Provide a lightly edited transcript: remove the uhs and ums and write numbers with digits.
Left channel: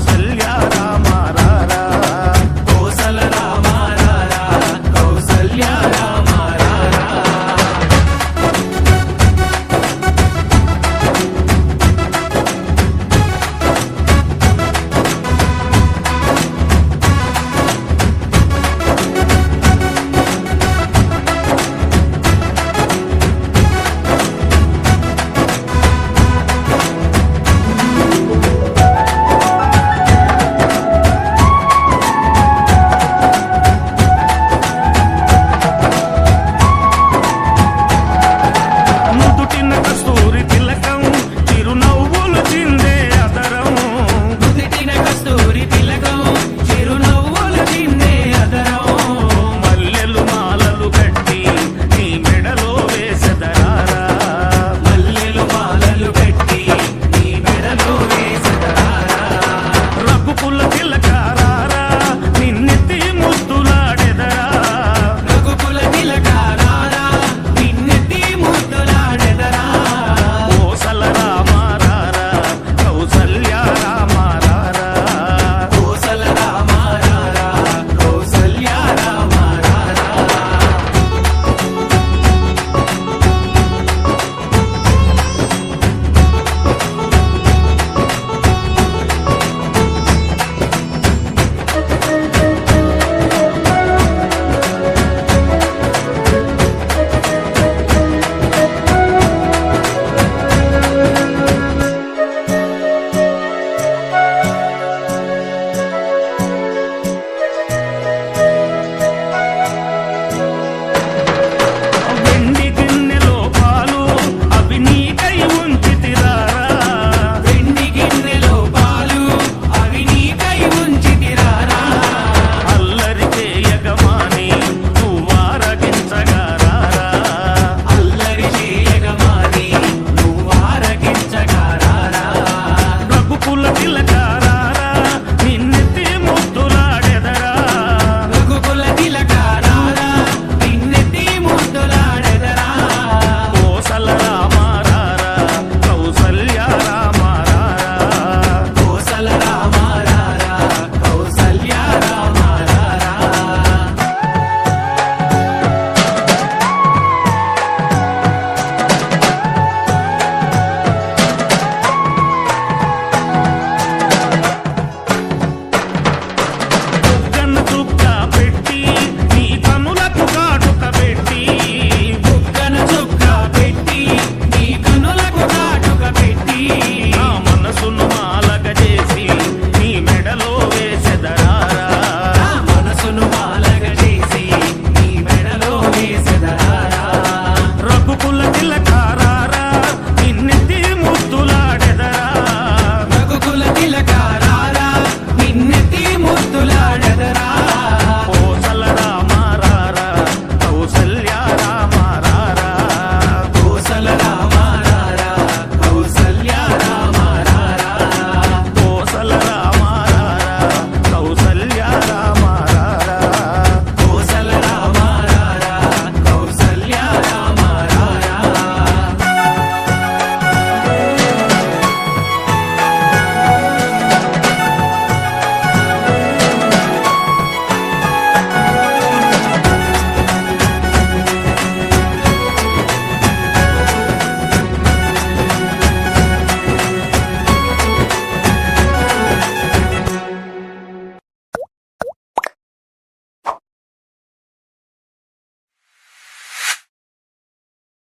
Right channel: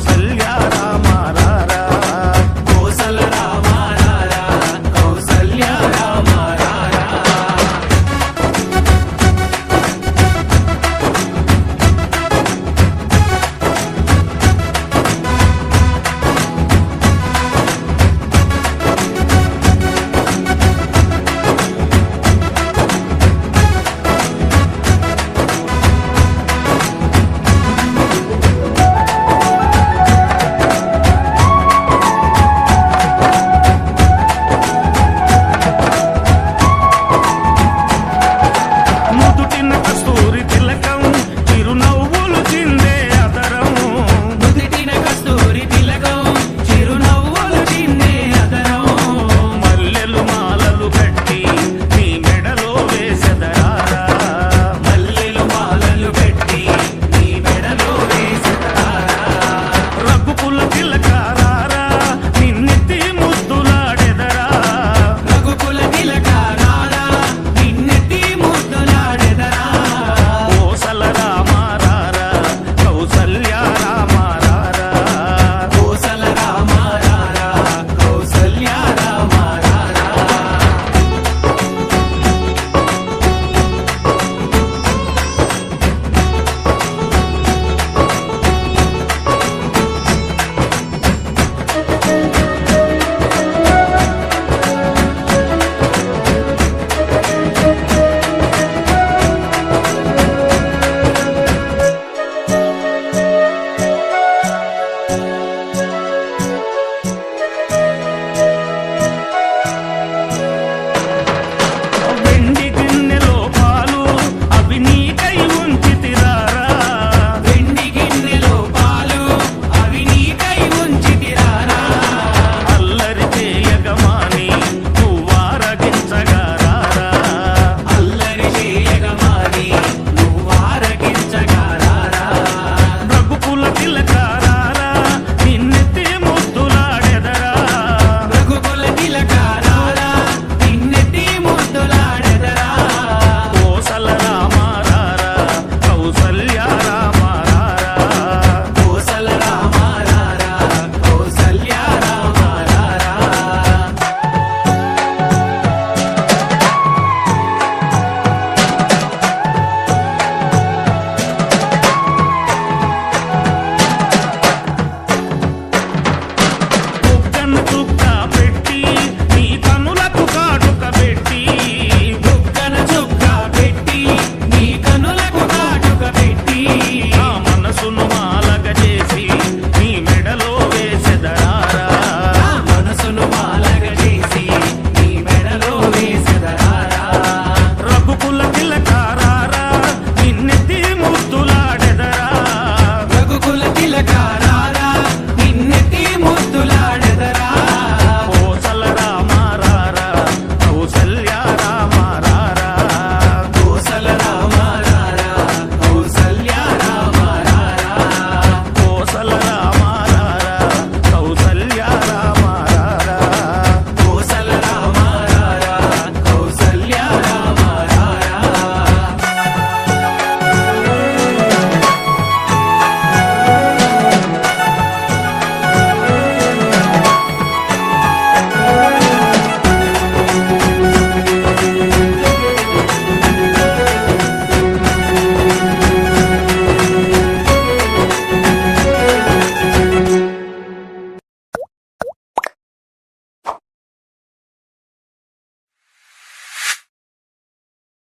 కౌసల్య రామారారా కోసల రామారారా కౌసల్య రామారారా నుదుటిన కస్తూరి తిలకం చిరునవ్వులు చిందే అదరం నుదిటిన కస్తూరి తిలకం చిరునవ్వులు చిందే అదరం మల్లెలు మాలలు కట్టి నీ మెడలో వేసెదరారా మల్లెలు మాలలు కట్టి నీ మెడలో వేసెదరారా రఘుకుల తిలకారారా నిన్నెత్తి ముద్దులాడెదరా రఘుకుల తిలకారారా నిన్నెత్తి ముద్దులాడెదరా కోసల రామారారా కౌసల్య రామారారా కోసల రామారారా కౌసల్య రామారారా వెండి గిన్నెలో పాలు అవి నీకై ఉంచితిరారా వెండి గిన్నెలో పాలు అవి నీకై ఉంచితిరారా అల్లరి చేయగమాని నువ్వారగించగారారా అల్లరి చేయగమాని నువ్వారగించగారారా రఘుకుల తిలకారారా నిన్నెత్తి ముద్దులాడెదరా రఘుకుల తిలకారారా నిన్నెత్తి ముద్దులాడెదరా కోసల రామారారా కౌసల్య రామారారా కోసల రామారారా కౌసల్య రామారారా బుగ్గన చుక్క పెట్టి నీ కనులకు కాటుక పెట్టి బుగ్గన చుక్క పెట్టి నీ కనులకు కాటుక పెట్టి నా మనసును మాలగ చేసి నీ మెడలో